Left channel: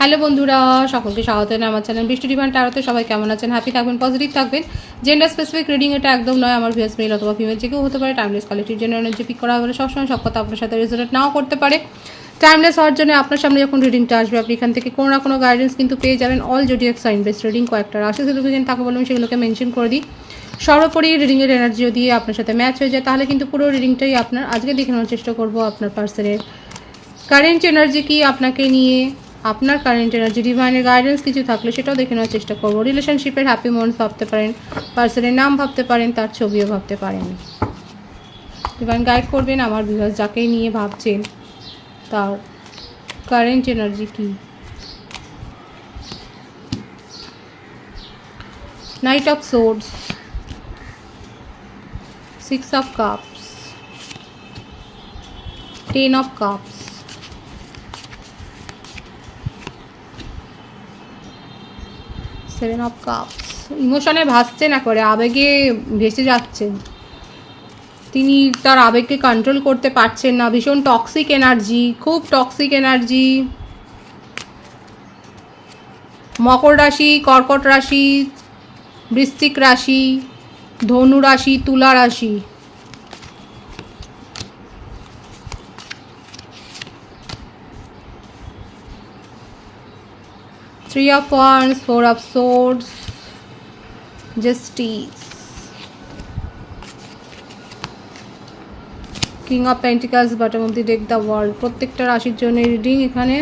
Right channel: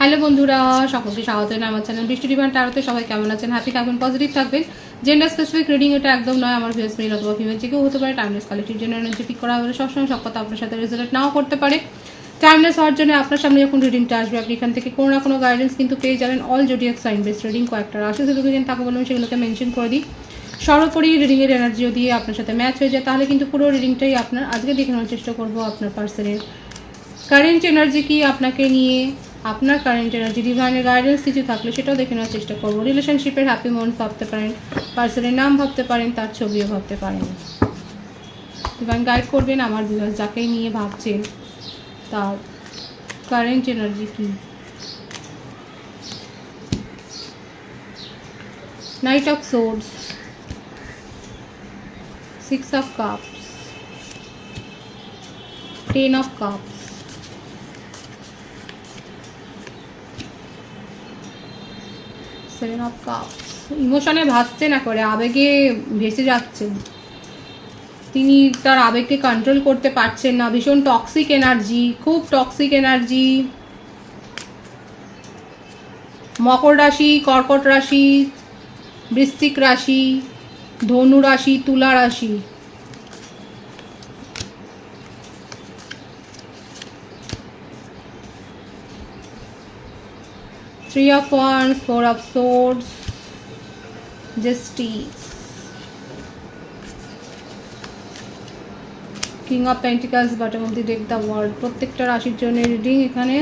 Hello বন্ধুরা, সকলকে স্বাগত জানাই আমার চ্যানেল বৃষ্টি ডিভাইন ট্যারোতে। সবাই কেমন আছেন? হ্যাপি থাকবেন, পজিটিভ থাকবেন। জেন্ডার স্পেসিফিক রিডিং এটা একদম নয়। আমার ভিউয়ার্স মেল অথবা ফিমেল যে কেউ হতে পারে। Timeless collective general energy pick করা হলে সবসময় সব কথা আপনার সাথে রেজোনেট নাও করতে পারে। টাইমলেস হওয়ার জন্য আপনার সামনে যখন রিডিংটা আসবে আপনি এখান থেকে কোনো না কোনো গাইডেন্স কিন্তু পেয়ে যাবেন। All zodiac sign base reading কয়েকটা রাশি সিগনিফিকেন্ট তাকে বলবেন, সেগুলোকে মেনশন করে দিই। সর্বোপরি রিডিংয়ের এনার্জিও দিয়ে আপনার সাথে ম্যাচ হয়ে যায়, তাহলে কিন্তু পুরো রিডিংটাই আপনার। আজকে দেখে নেওয়ার চেষ্টা করবো আপনার পার্সনের কারেন্ট এনার্জি কি আপনাকে নিয়ে, আপনার কারেন্ট এনার্জি, ডিভাইনের গাইডেন্স কিছু থাকলে সেটাও দেখে নেওয়ার চেষ্টা করবো। রিলেশনশিপের হ্যাপি মোমেন্টস ভাবতে পারেন, পার্সনের নাম ভাবতে পারেন, তার ছবিও ভাবতে পারেন। ডিভাইন গাইড করবেন আমার ভিউয়ার্স যাকে নিয়ে ভাবছেন তার কারেন্ট এনার্জি কি। Night of swords, 6 of cups, 10 of cups, 7 of cups। ইমোশনে ভাসছে না করে, আবেগে ভেসে যাচ্ছেন তিনি, তার আবেগকে কন্ট্রোল করতে পারছেন না। ভীষণ টক্সিক এনার্জি, খুব টক্সিক এনার্জি। মকর রাশি, কর্কট রাশি, বৃশ্চিক রাশি, ধনু রাশি, তুলা রাশি। Three of Wands, 4 of Swords, Justice, King of Pentacles, bottom of the deck, the World। প্রত্যেকটা রাশির জন্য রিডিং এখানে।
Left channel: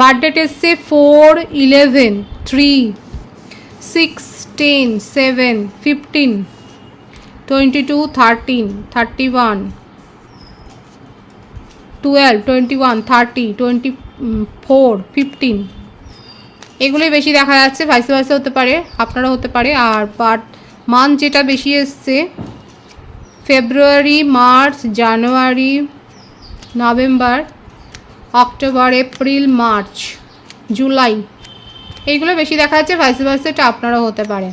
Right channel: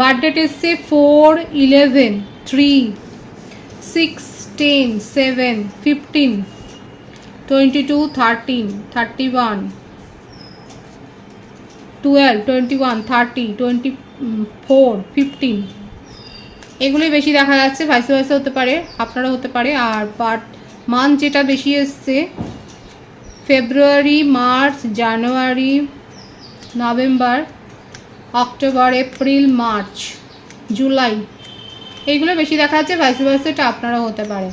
বার্থডেট এসছে 4, 11, 3, 6, 10, 7, 15, 22, 13, 31, 12, 21, 30, 24, 15। এগুলোই বেশি দেখা যাচ্ছে। ভাইসে ভাইসে হতে পারে, আপনারা হতে পারে। আর বার্থ মান্থ যেটা বেশি এসছে February, March, January, November, October, April, March, July, এইগুলো বেশি দেখা যাচ্ছে। ভাইসে ভাইসে এটা আপনারা হতে পারে।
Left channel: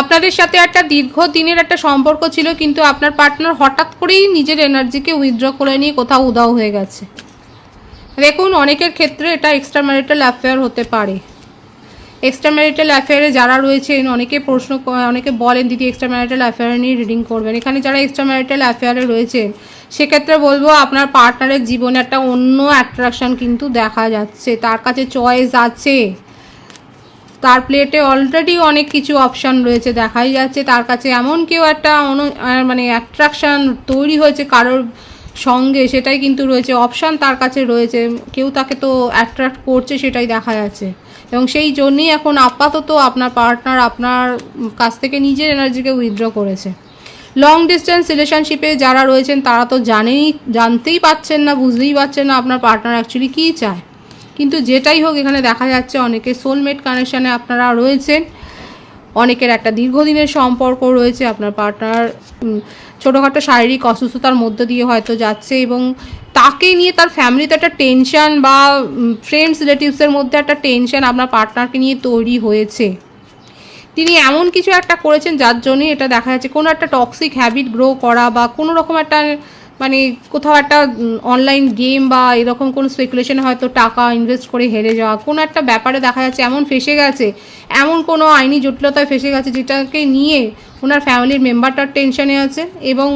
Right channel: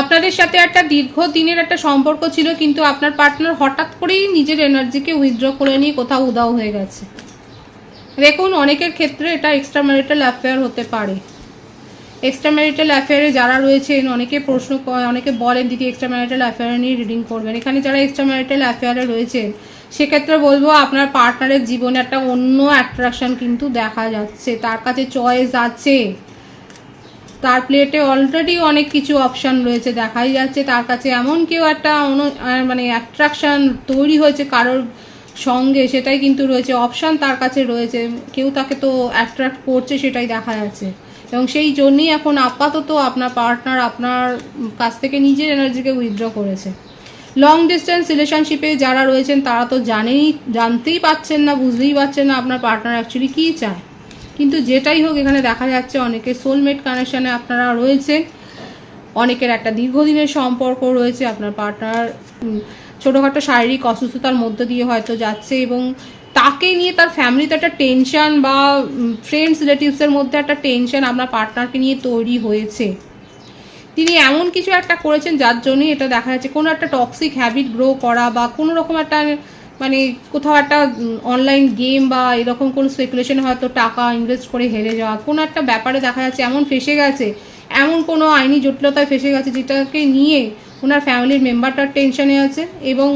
আপনাদের সাথে একটা দীর্ঘদিনের একটা সম্পর্ক ছিল, কিন্তু আপনার পার্টনার হঠাৎ করেই নিজের এনার্জিকে উইথড্র করে নিয়ে কোথাও উধাও হয়ে গেছে। দেখুন, অনেকের ক্ষেত্রে এটা এক্সট্রা ম্যারিটাল অ্যাফেয়ার হতে পারে। এক্সট্রা ম্যারিটাল অ্যাফেয়ারে যারা রয়েছেন, অনেকে বলেন দিদি এক্সট্রা ম্যারিটাল অ্যাফেয়ার নিয়ে রিডিং করবেন। এখানে যারা এক্সট্রা ম্যারিটাল অ্যাফেয়ারে রয়েছেন সেক্ষেত্রে বলবো আপনার পার্টনারের জীবনে একটা অন্য অ্যাট্রাকশন কিন্তু দেখা যাচ্ছে। তার কাছে চয়েস আছে, তার প্লেটে অলরেডি অনেক কিছু অপশান রয়েছে, দেখাই যাচ্ছে। তার কাছে এমন কেউ একটা মানে অ্যাট্রাকশান তৈরি হয়েছে কারোর সঙ্গে, সেটাই কিন্তু রয়েছে। অপশান তার কাছে রয়েছে, কেউ তাকে তো অ্যাট্রাক্ট করছে, সেটাই দেখা যাচ্ছে। এবং সেই জন্যই এখন আপাতত আপনার পার্টনার আপনার কাছ থেকে নিজের এনার্জিকে উইথড্র করেছে। লং ডিস্টেন্স রিলেশনশিপে যারা রয়েছেন তারা তো জানতেই পারছেন না, বুঝতেই পারছেন না আপনার পার্টনার অ্যাকচুয়ালি কী চায়। কিন্তু যেটাই হোক এখানে দেখা যাচ্ছে অনেকের সোলমেট কানেকশানে আপনারা রয়েছেন, অনেকের একটা দীর্ঘদিনের সম্পর্ক রয়েছে। আপনার পার্টনার ছোটোখাটো শারীরিক অসুস্থতার মধ্য দিয়ে হয়তো যাচ্ছে, এবং তাকে নিয়ে তার ফ্যামিলিতে একটা টেনশন বা ফ্রেন্ডস রিলেটিভসের মধ্যে একটা টেনশন আপনার পার্টনারকে নিয়ে তৈরি হয়েছে। তিনি এমন কিছু একটা করেছেন যার জন্যই এটা দেখা যাচ্ছে। কোনো একটা টক্সিক হ্যাবিট গ্রো করা, বা কোনো রকম একটা মানে কোথাও একটা অনলাইন গেম বা এরকম কোনো স্পেকুলেশনে হয়তো টাকা ইনভেস্ট করে হেরে যাওয়া, কোনো একটা ব্যাপারে দেখা যাচ্ছে এমন ফেসে গেছে, এমন কোনো আইনি জটিলতায় ফেসে গেছে যেটাকে নিয়ে ওনার ফ্যামিলির মেম্বারটার টেনশনে আছে, এবং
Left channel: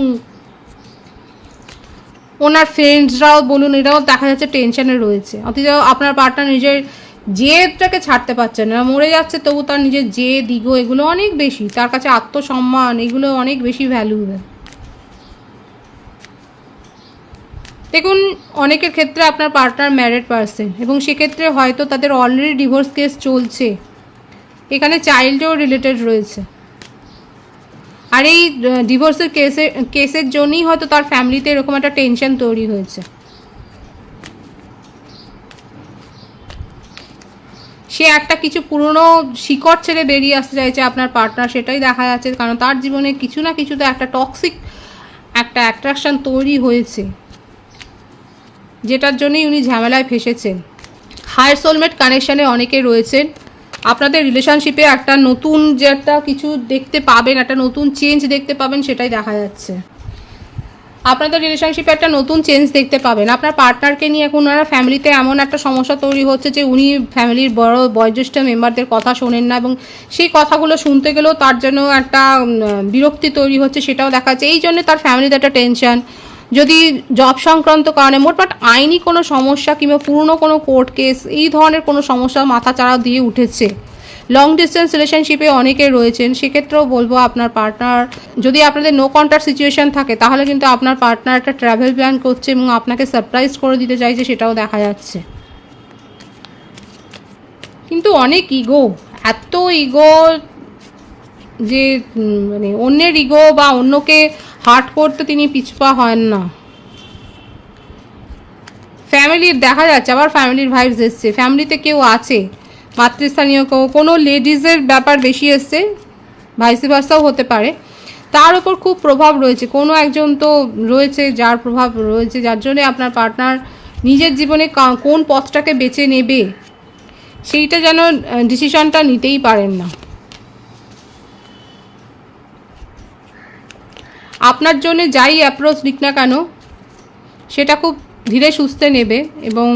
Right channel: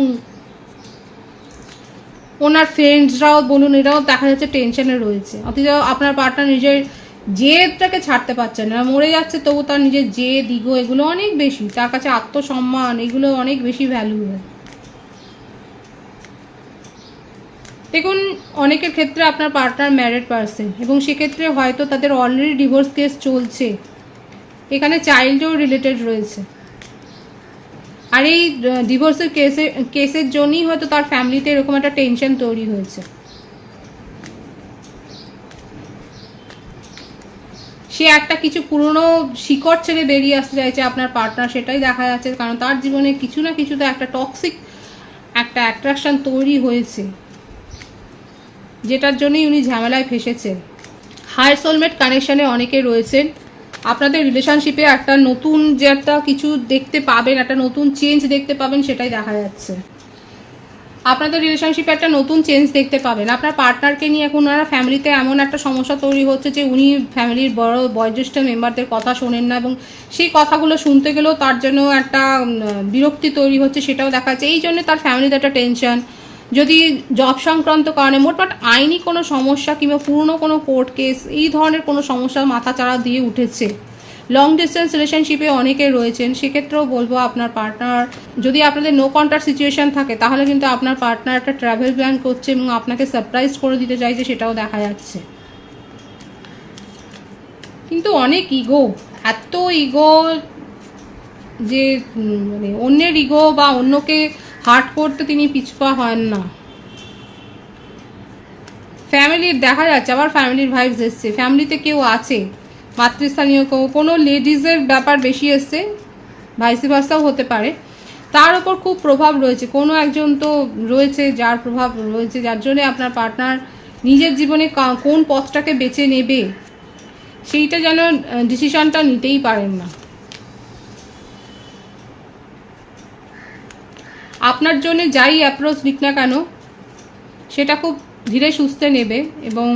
ওনার ফ্রেন্ডসরাও বলুন এরাও দেখা যাচ্ছে টেনশনে রয়েছে। অথচ আপনার পার্টনার নিজের জেদটাকে ছাড়তে পারছেন না, মরে যাচ্ছে তবু তার নিজের জেদ, ইগো এগুলো অনেক বেশি, তার কাছে আত্মসম্মান এগুলো অনেক বেশি ভ্যালুয়েবল। দেখুন, অনেকের ক্ষেত্রে আপনার পার্টনার ম্যারিড পারসন, এবং সেক্ষেত্রে হয়তো তাদের অলরেডি ডিভোর্স কেস চলছে। এখানে চাইল্ডও রিলেটেড রয়েছে, আর এই ডিভোর্সের কেসের জন্যই হয়তো তার ফ্যামিলিতে এরকম একটা টেনশন তৈরি হয়েছে। সে একটা কিছু পুরনো শিকড় ছেড়ে বেরিয়ে আসতে চাইছে আপনার পার্টনার, সেটাই দেখা যাচ্ছে। কারণ তার জীবনে কিছু না কিছুতে একটা টক্সিক একটা অ্যাট্রাকশন তৈরি হয়েছে, যেটার জন্যই উনি ঝামেলায় ফেসেছেন। হায়ার সোলমেট কানেকশানে অনেকে রয়েছেন। আপনাদের রিলেশনশিপে একটা নতুন যে একটা কিছু দেখতে পাবেন, একটা নতুন চেঞ্জ দেখতে পাবেন, সেটাই দেখা যাচ্ছে। আপনাদের রিলেশনশিপে একটা নতুন চেঞ্জ দেখতে পাবেন। আপনার পার্টনারকে নিয়ে এখন ওনারা ফ্যামিলিতে এমন একটা সমস্যা তৈরি হচ্ছে যে উনি ফ্যামিলির বড় বয়োজ্যেষ্ঠ মেম্বারদের কথা শোনেন না, এবং সেই কথাগুলো শুনতে গেলেও তার জন্য একটা বিরক্তি তৈরি হচ্ছে, সেটাও দেখা যাচ্ছে। এই জন্য তার ফ্যামিলিতে একটা টেনশন, যদি জব সংক্রান্ত কারণে মোটমাট আইনি কোনো সমস্যা কিংবা পুরনো কোনো কোর্ট কেস এই ধরনের কোনো সমস্যা মাথাচাড়া দিয়ে উঠেছে। লং ডিস্টেন্স রিলেশনশিপে অনেকে রয়েছেন, সেক্ষেত্রেও বলবো আপনার পার্টনার, যদি আপনাদের নো কন্ট্যাক্ট সিচুয়েশন থাকে তাহলে কিন্তু আপনার পার্টনার একটা ট্রাভেল প্ল্যান করছে এবং আপনাকে সারপ্রাইজ করে দিতে চাইছে, সেটাও দেখা যাচ্ছে। কিন্তু অনেক ইগো, এত ইগো যে মানে অন্যের ইগো বা অন্যকে হার্ট করতে তিনি পিছপা হন না। ফ্যামিলির দেখা যাচ্ছে, আবার ফ্যামিলির ভাইবস এসছে, ফ্যামিলিতে কেউ আছে, মাতৃস্থানীয় কেউ, কোনো লেডিজের ব্যাপার বেশি এসছে, ভাইসি ভার্সাও হতে পারে। তার উপর খুব প্রভাব রয়েছে, কোনো একজন তো রয়েছে যার প্রভাব রয়েছে, যার জন্যে আপনার পার্টনার নিজের জীবনে কোন পথটাকে বেছে নেবে সেইটা যেন ডিসিশনটা নিতেই পারেন না। আপনার জন্য যাই অ্যাপ্রোচ দিক না কেন সেটা খুব ধীরে সুস্থে নেবে, এবং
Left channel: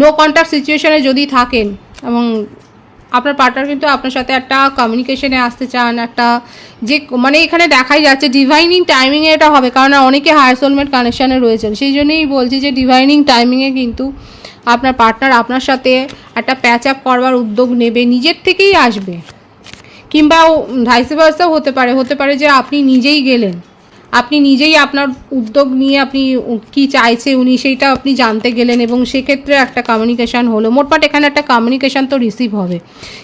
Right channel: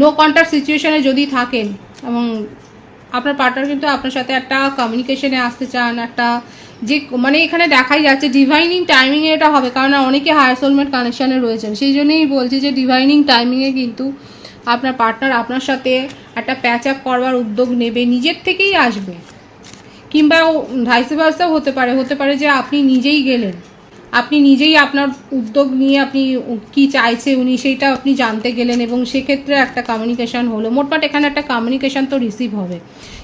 নো কন্ট্যাক্ট সিচুয়েশনে যদি থাকেন এবং আপনার পার্টনার কিন্তু আপনার সাথে একটা কমিউনিকেশনে আসতে চান, একটা যে মানে এখানে দেখাই যাচ্ছে ডিভাইনিং টাইমিংয়ে এটা হবে, কারণ অনেকে হায়ার সোলমেট কানেকশানে রয়েছেন, সেই জন্যই বলছি যে ডিভাইনিং টাইমিংয়ে কিন্তু আপনার পার্টনার আপনার সাথে একটা প্যাচ আপ করবার উদ্যোগ নেবে, নিজের থেকেই আসবে, কিংবা ভাইসে ভার্সাও হতে পারে যে আপনি নিজেই গেলেন, আপনি নিজেই আপনার উদ্যোগ নিয়ে আপনি কি চাইছে উনি সেইটা আপনি জানতে গেলেন, এবং সেক্ষেত্রে একটা কমিউনিকেশান হলো। মোটমাট এখানে একটা কমিউনিকেশান তো রিসিভ হবে,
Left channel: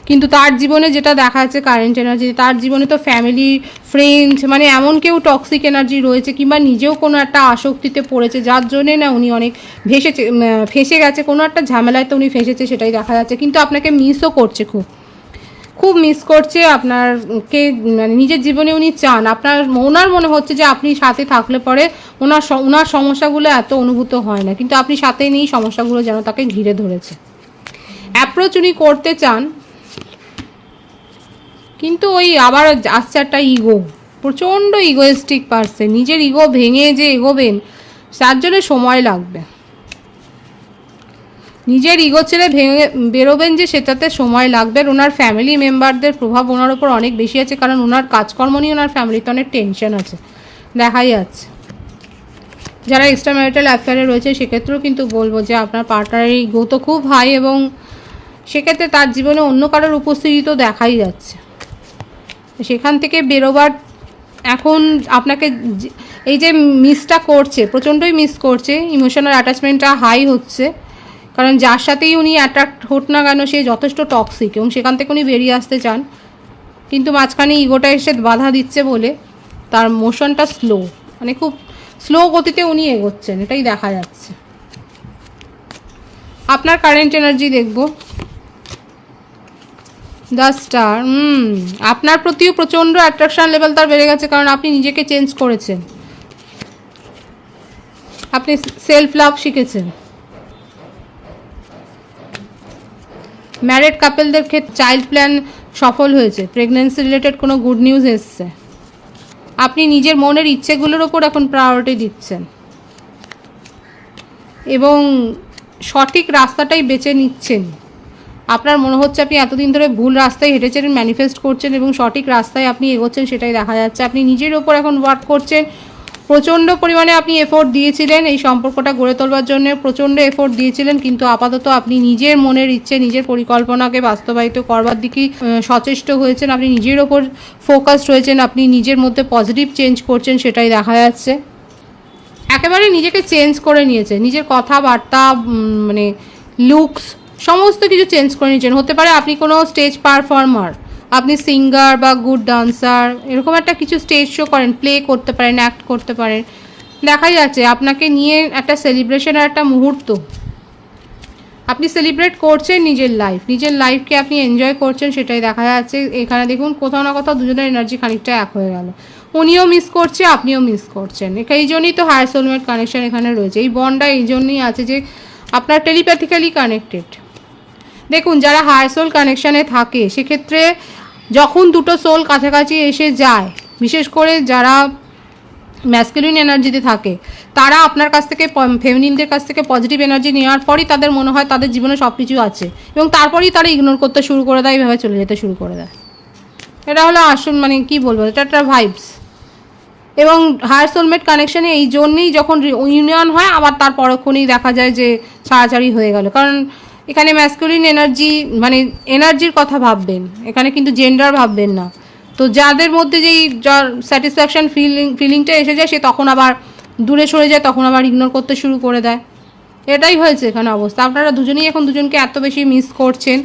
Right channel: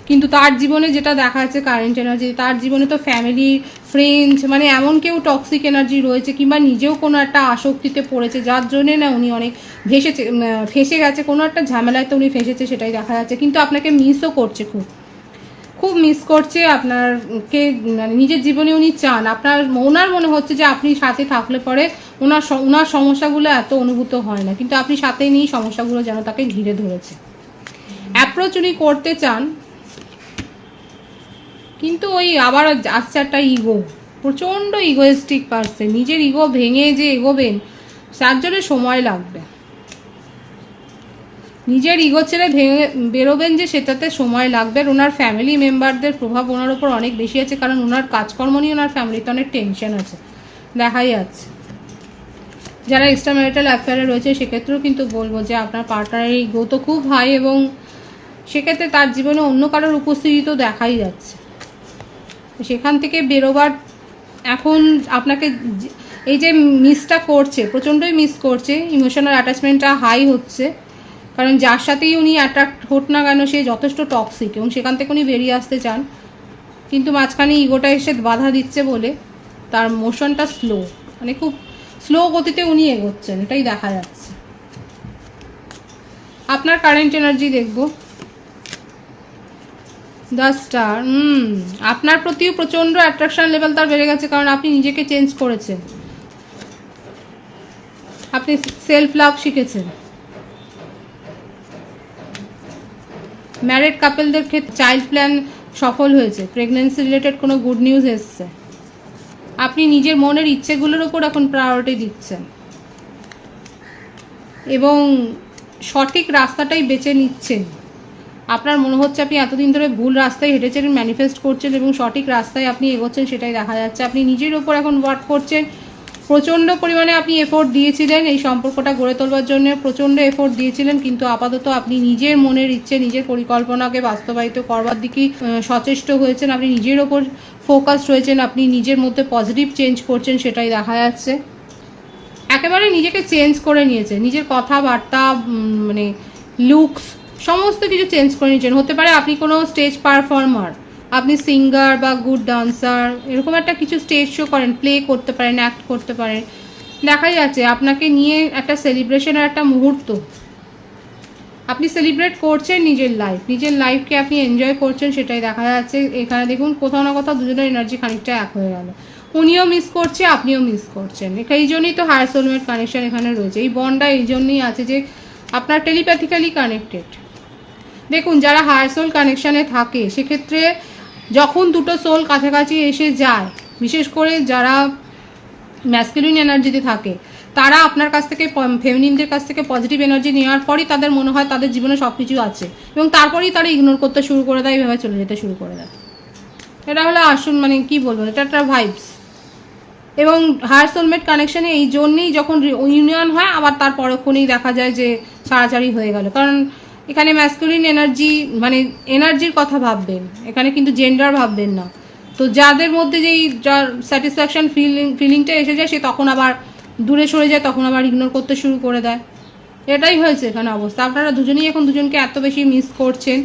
কিন্তু তার জীবনে যেটা দেখা যাচ্ছে কারেন্ট এনার্জি, তার জীবনে তো ফ্যামিলি, ফ্রেন্ডস, মানে এমন কেউ টক্সিক এনার্জি রয়েছে, কিংবা নিজেও কোনো একটা আসক্তিতে পড়েছে, যার জন্যে না উনি অনেক ফেসে গেছে, কোনো একটা ঝামেলায় তো উনি ফেসেছে, সেটাই দেখা যাচ্ছে। কিন্তু আপনাকে মিসও করছে, খুব মিস করছে আপনারকে, মানে নিজের জীবনে উনি চান, ওনার মনে হচ্ছে যে আপনি সাথে থাকলে পরে ওনার সমস্যাগুলো এত অনুভূত হয় না, কিন্তু আপনি সাথে নেই, সমস্যাগুলো যেন তাকে ঘিরে ধরেছে। অ্যাপ্রোচ উনি করতে চান, কিন্তু ওই আবার আসছে একটা ইগো, প্রচণ্ড ইগোয়েস্টিক পারসন, নিজের ইগো ভেঙে যে এগোবেন তার জন্য সময় লাগবে, নিজের ইগো ছেড়ে ভেঙে বেরোবেন যে সেটাতে সময় লাগবে। ওনার ফ্যামিলি মেম্বারদের প্রভাব ওনার ওপর অনেক বেশি আছে, কারণ ওনার কাজকর্ম নিয়ে ওনার ফ্যামিলিতে অনেক টেনশন আছে, দেখাই যাচ্ছে। যারা এক্সট্রা ম্যারিটাল অ্যাফেয়ারে রয়েছে সেক্ষেত্রেও কিন্তু বলবো যে আপনার পার্টনারের ইগো তো খুব হাই, এবং সেক্ষেত্রে তার জীবনে অন্য কারোর উপস্থিতি তো দেখাই যাচ্ছে। সেখান থেকে বেরোবার এখন আপনাকে এই যে মিসটা করছে, প্রচণ্ডই মিস করছে, ইমোশনাল অ্যাটাচমেন্টটা হাই হচ্ছে, কারণ যার সাথেই উনি অ্যাট্রাক্ট হোক না কেন সে যথেষ্ট টক্সিক, এবং সেখান থেকে উনি বেরিয়ে আসতে চান, কিন্তু মাঝখানে ইগোটা এসে বাধা দিচ্ছে বলে তার মোশনটা স্লো, মানে খুব স্লো গতিতে উনি এগোচ্ছেন, এটাই দেখা যাচ্ছে। আপনার কারেন্ট এনার্জি দেখব, দ্য স্টার। আপনার প্রতিও প্রচণ্ড অ্যাট্রাকশন লেভেল তার বেড়ে গেছে, কারণ আপনি নিজেকে চেঞ্জ করেছেন, আপনি সেলফ লাভ শিখেছেন। ম্যারিড কাপলদের ক্ষেত্রে চাইল্ড প্ল্যান সফল হয়েছে, প্রেগন্যান্সি রিলেটেড কোনো গুড নিউজ এসছে, আপনি নিজের মনের ইচ্ছেগুলোর ওপর এখন প্রায়োরিটি দিচ্ছেন, এবং সঠিক রাস্তাটাই বেছে নিচ্ছেন। আপনার মনে হচ্ছে আপনি এতদিন ধরে ভুল রাস্তায় হেঁটেছেন, ম্যানিফেস্ট করছেন, এবং সঠিক রাস্তায় আপনি এগোচ্ছেন, সেটাই দেখা যাচ্ছে। আপনি নিজের ওপর এখন ওয়ার্ক করছেন, প্রচণ্ড পরিমাণে আপনি এফোর্ট দিয়েছিলেন এই সম্পর্কটা গড়ে তোলবার জন্য, প্রচণ্ড এফোর্ট দিয়েছিলেন, কিন্তু আপাতত আপনি নিজের মনের ইচ্ছে, নিজের পরিকল্পনাকে বাস্তবায়িত করবার দিকেই সচেষ্ট হয়েছেন, আপনি নিজের ওপর ফোকাসড হয়েছেন, আপনি নিজের মধ্যে পজিটিভ চেঞ্জ করছেন, সেটাই দেখা যাচ্ছে। একেবারে নিজেকে চেঞ্জ করে নিয়েছেন, নিজের কথাবার্তা, মানে লুকস, সমস্ত কিছু চেঞ্জ করে নিয়েছেন। হতে পারে আপনি কোনো স্টেজ পারফর্মার, আপনি সিঙ্গার বা গুড ডান্সার, এরকম একটা কিছু স্টেজ শো করেন, প্লে করতে পারেন, অ্যাক্ট করতে পারেন, দেখা যাচ্ছে আপনাকে নিয়ে একটা সেলিব্রেশনের একটা মুহূর্ত, আপনি সেলিব্রেট করছেন নিজের লাইফকে আপনি এনজয় করছেন, সেটাই দেখা যাচ্ছে। এখানে দেখুন কোথাও না কোথাও দুজনের এনার্জি খানিকটা এক হয়ে গেল, উনিও মিস করছে, আপনিও মিস করছেন। এই জন্যই তো হায়ার সোলমেট কানেকশন এখানে রয়েছে, এই বন্ডটা এই জন্যই আছে যে আপনার টেলিপ্যাথিক্যালি কানেক্টেড। দেখুন যারা হায়ার সোল কানেকশানে থাকে সেক্ষেত্রে যখন দুটো সোল কাছাকাছি এসে যায়, বিশেষ করে যারা ম্যাসকুলিন এনার্জিতে থাকে, তারা আপনার কাছ থেকে ফেমিনিনদের কাছ থেকে পজিটিভ এনার্জি নেওয়ার পরই তাদের মনে হয় তাদের জীবনে সব কিছু আছে, এবং তারপরেই তারা ইগনোর করতে শুরু করে দেয়, এইভাবে চলে যেতে শুরু করে দেয়। এটা হলো আসুন মানে কি বলবো, এটা একটা ভাইবস। এবং হায়ার সোলমেট কানেকশানে এই জন্যেই যখন ইউনিয়ন হয় আবার তার পরক্ষণেই দেখা যায় যে ছাড়াছাড়ি হয়ে গেল, কারণ এখানে ম্যাসকুলিন এনার্জি মানে এনার্জির কথা ভাববেন, এখানে কিন্তু জেন্ডার ভাববেন না। তো যাদের মধ্যে যেই যার স্যাটিসফ্যাকশান ফিলিংটা এসে যায় সে তখন আবার দূরে সরে যায়, তখন আবার ইগনোর করতে শুরু করে দেয়। এটাই হয়েছে এখানে অবস্থা। আপনারা দুজনেই এখন দুজনকে এত বেশি মিস করছেন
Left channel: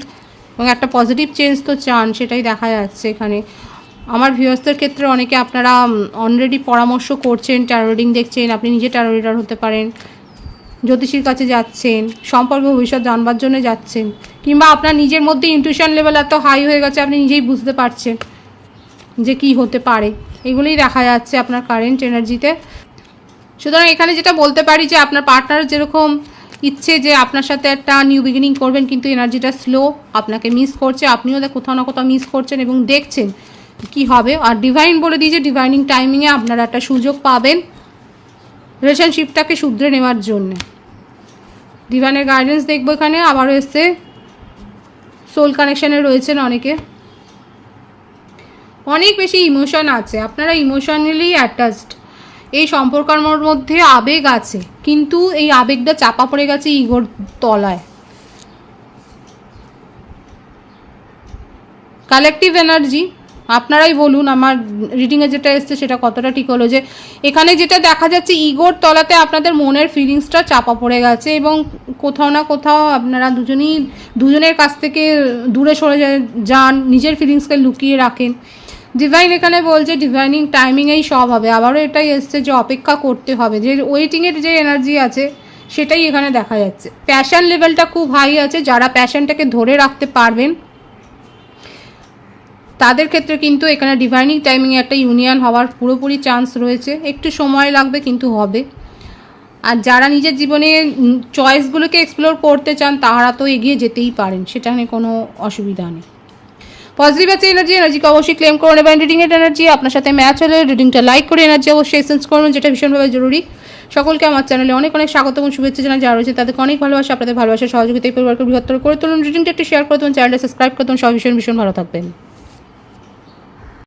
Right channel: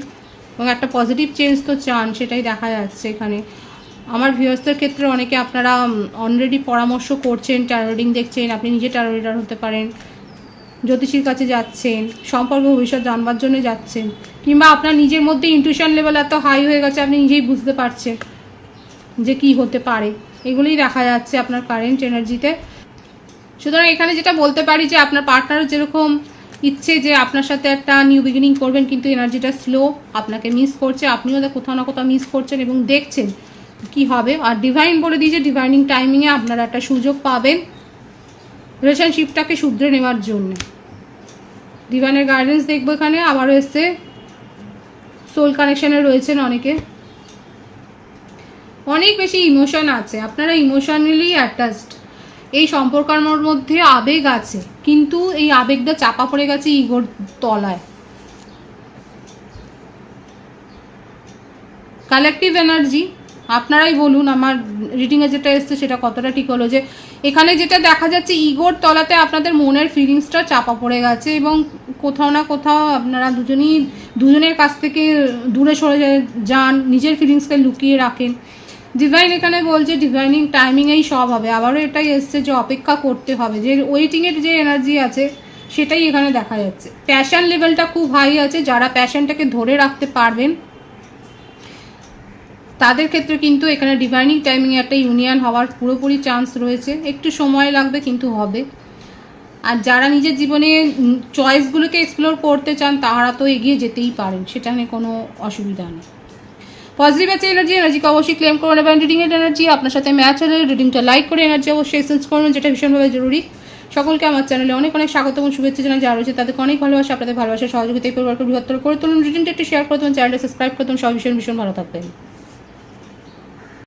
এবং একটা পজিটিভ চেঞ্জ তো চান, সেটাই দেখা যাচ্ছে এখানে। আমার ভিউয়ার্সদের ক্ষেত্রে অনেকে আপনারা অলরেডি পরামর্শ করছেন, ট্যারো রিডিং দেখছেন, আপনি নিজে ট্যারো রিডার হতে পারেন, জ্যোতিষীর কাছে যাচ্ছেন, সম্পর্ক ভবিষ্যৎ জানবার জন্য যাচ্ছেন, কিংবা আপনার নিজের মধ্যে ইনটিউশন লেভেল এত হাই হয়ে গেছে আপনি নিজেই বুঝতে পারছেন যে কি হতে পারে, এগুলোই দেখা যাচ্ছে আপনার কারেন্ট এনার্জিতে। সুতরাং এখানে যেটা বলতে পারি যে আপনার পার্টনার যেরকম ইচ্ছে যে আপনার সাথে একটা নিউ বিগিনিং করবেন, কিন্তু এনার্জিটা স্লো, আপনাকে মিস করছে, আপনিও কোথাও না কোথাও মিস করছেন এবং দেখছেন কি হবে। আর ডিভাইন বলে দিয়েছে ডিভাইনিং টাইমিংয়ে আপনারা একটা সুযোগ পাবেন রিলেশনশিপটাকে শুধরে নেওয়ার জন্য। ডিভাইনের গাইডেন্স দেখবো এখানে। আবার এসছে সোল কানেকশানে রয়েছেন অনেকে, অনেক বেশি ইমোশন আছে, আপনারা ইমোশনালি অ্যাটাচড, এই সম্পর্কের মধ্যে আবেগ আছে, কিন্তু এই আবেগটা চাপা পড়ে গেছে ইগোর তলায়। কালেকটিভ এনার্জি, আপনারাই বলুন আমার রিডিংয়ে যেটা এসছে সেটা কতটা ঠিক হলো, যে এখানে যেটা দেখা যাচ্ছে ইগোর তলাতে আপনাদের মনের ফিলিংসটা চাপা পড়ে গেছে এবং কোথাও না কোথাও আপনারা দুজনের কাছ থেকে দূরে সরে যান, নিজের ফিলিংসকে লুকিয়ে রাখেন। ডিভাইন এখানে বলছে ডিভাইনিং টাইমিংয়েই সব হবে। আবারও এটাই এসছে যে অপেক্ষা করতে হবে, যে ওয়েটিংয়ের যে এনার্জি আছে সেটাই এখানে দেখা যাচ্ছে। প্যাশন লেভেলটা খুব হাই আছে, যারা প্যাশনটাকে ধরে রাখতে পারবেন তাদের ক্ষেত্রে কিন্তু এখানে ডিভাইনিং টাইমিংয়ে একটা ইউনিয়ন হওয়ার পুরোপুরি চান্স রয়েছে, একটু সময় লাগবে কিন্তু হবে। আর যারা নিজের জীবনে চয়েসগুলোকে এক্সপ্লোর করতে চান তারা তো এগিয়ে যেতেই পারেন, সেটা নিয়ে কোনো অসুবিধা নেই। পজিটিভ আছে এনার্জিকে অবশ্যই ক্লেম করে নেবেন। রিডিংয়ের এনার্জি আপনার সাথে ম্যাচ হলে রিডিংটা লাইক করে এনার্জি অবশ্যই এসেন্স করুন, যেটা ভীষণভাবে জরুরি। সকলকে আমার চ্যানেলে অনেক অনেক স্বাগত এবং শুভেচ্ছা জানাই। যারা রয়েছে তাদেরকে অনেক ভালোবাসা, আপনাদের ভালোবাসার সহযোগিতা এই পরিবারকে বৃহত্তর করে তুলুন। রিডিংটা একটু শেয়ার করে দেবেন, চ্যানেলটা সাবস্ক্রাইব করে দেবেন। সবাই ভীষণ ভীষণ ভালো থাকবেন।